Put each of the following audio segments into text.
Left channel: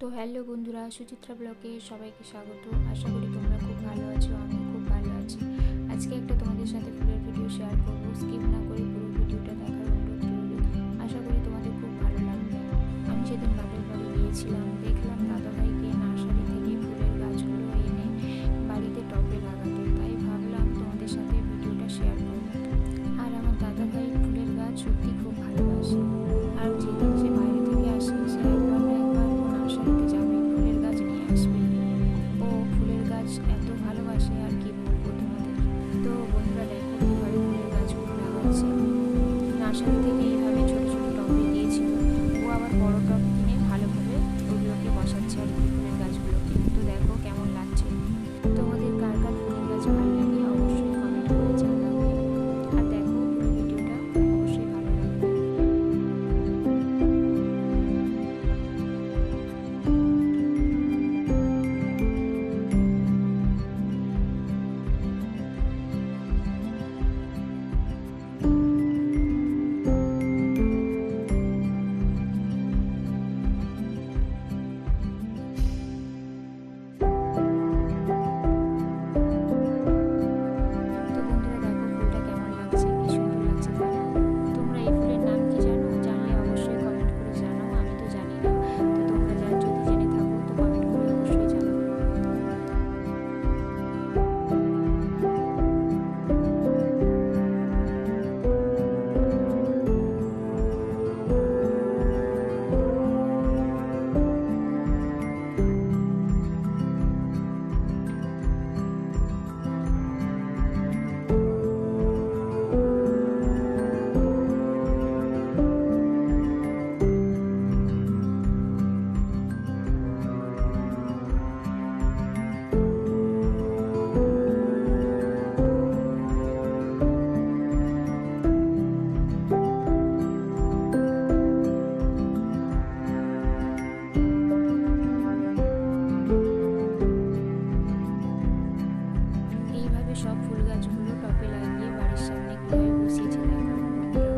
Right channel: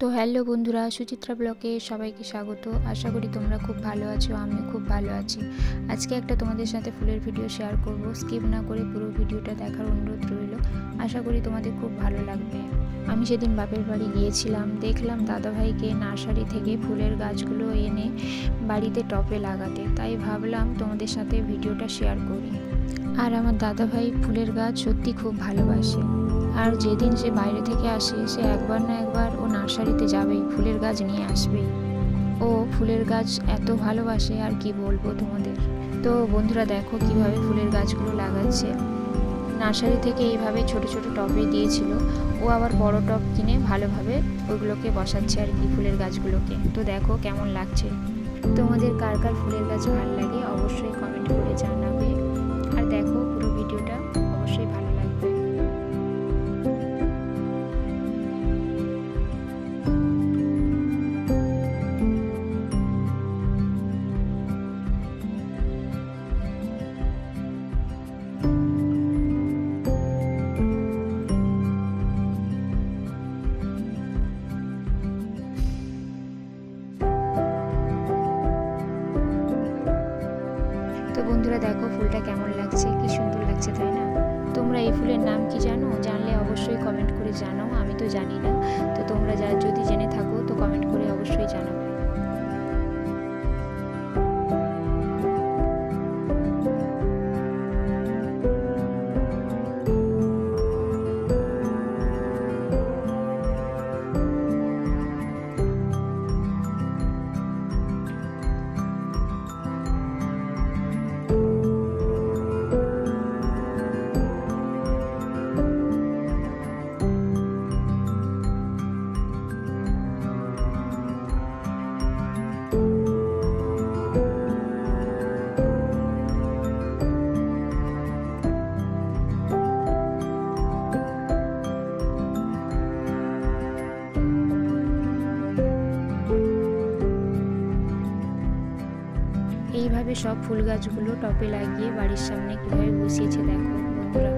তো হ্যালো বন্ধুরা, সুচিত্রা ব্লগে সবাইকে স্বাগত। আশা করি তোমরা খুব ভালো আছো, আমিও খুব ভালো আছি। আজকে একটা তোমাদের সাথে ফুলের ভিডিও শেয়ার করব। স্কিপ না করে পুরো ভিডিওটা দেখার অনুরোধ রইল। আশা করি তোমাদের খুব ভালো লাগবে। আমি সেদিন বাপের বাড়ি গিয়েছিলাম, দেখলাম দাদাভাইকে নার্সারি থেকে ফুলের গাছগুলো এনে বাড়িতে টবে লাগাতে, তাই ভাবলাম তোমাদের সাথে ভিডিওটা শেয়ার করি। আর আমার দাদাভাই ফুলের গাছ সত্যি খুব ভালোবাসে। আর যেদিন সে বাইরে থেকে আসে, সে একবার না একবার ও নার্সারিতে যাবেই, ফুলের গাছ নিয়ে আসবেই। ও ফুলের গাছ এত ভালোবাসে, আর কি বলবো তোমাদের। তো বন্ধুরা দেখো কিভাবে ফুলের গাছগুলো লাগাচ্ছে। নার্সারি থেকে এইভাবে ছোট ছোট টবে দিয়েছিল, ও আবার বড় টব কিনে ভালোভাবে ওগুলোকে বসাচ্ছে আর কি, ফুলের গাছগুলোকে। তো দেখো কেমন লাগছে। তোমাদের কার কার ফুলের গাছ ভালো লাগে অবশ্যই কমেন্ট করে জানাবে। আর দেখো পুরো ভিডিওটা অবশ্যই ভালো লাগবে। তো বন্ধুরা দেখো ফুলটা কেমন লাগছে, কি সুন্দর লাগছে, তাই না? তোমরা এই ফুলের নাম কি জানো? জানলে অবশ্যই কমেন্ট করে জানো। আমি তো জানি না, তো তোমরা যদি জেনে থাকো তো কমেন্ট করে অবশ্যই জানাও। এইভাবে সব ফুল গাছগুলো টবে লাগিয়ে বাড়ির সামনে কিভাবে বসিয়েছে দেখো বন্ধুরা।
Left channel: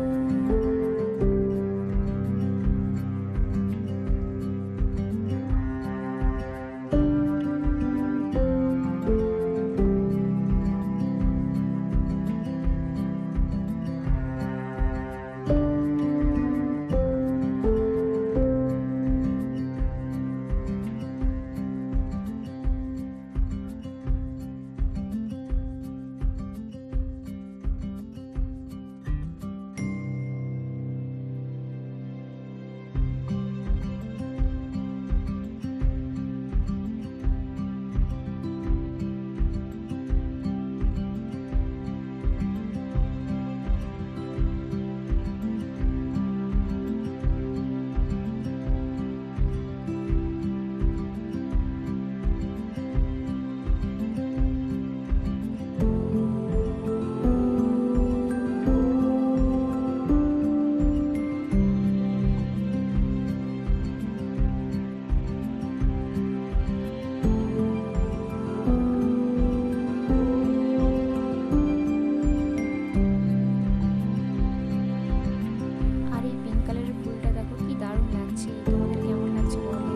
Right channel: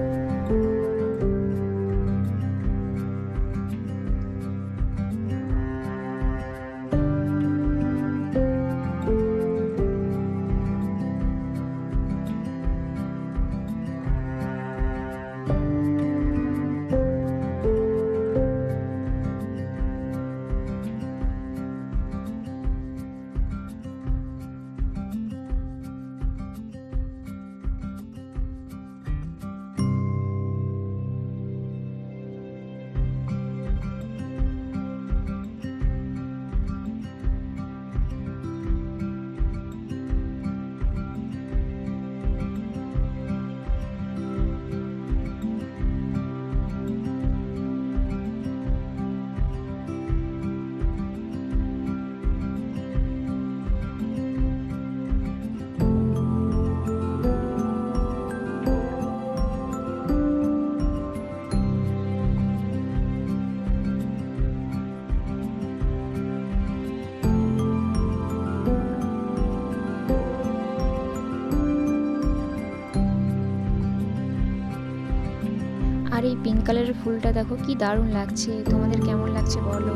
আর এই পিঙ্ক কালারের ফুলটা দেখো কি দারুণ লাগছে। তোমাদের কেমন লাগছে বলো।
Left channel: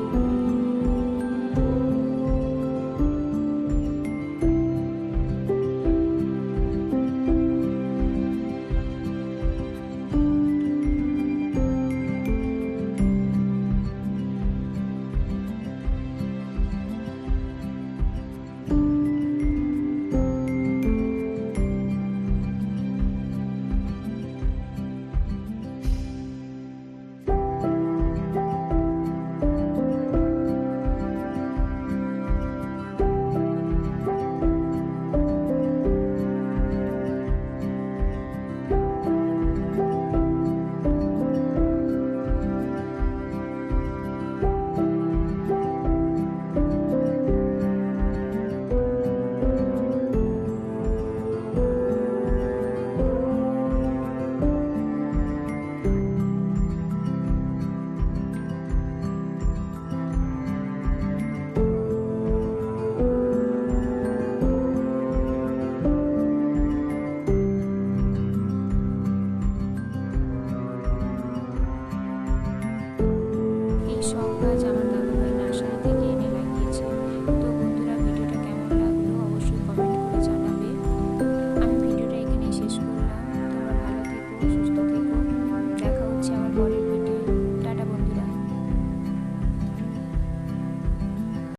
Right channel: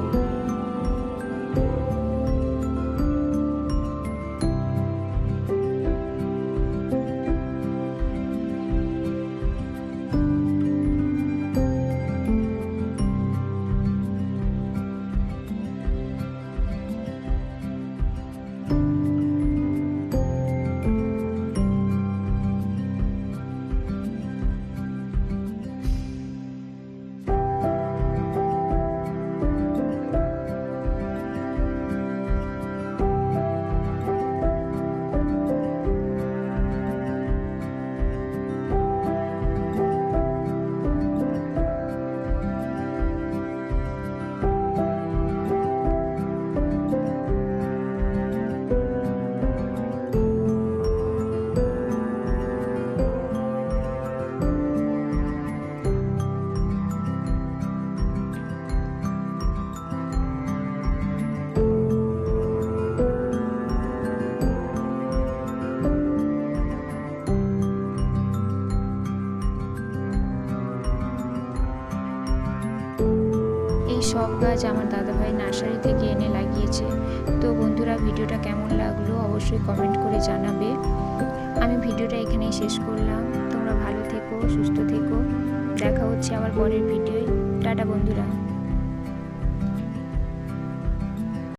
নার্সারি থেকে এনে লাগিয়েছে। তো বন্ধুরা, ভিডিওটা কেমন লাগলো অবশ্যই কমেন্ট করে জানাবে। আমি ভিডিওটা এখানেই শেষ করলাম।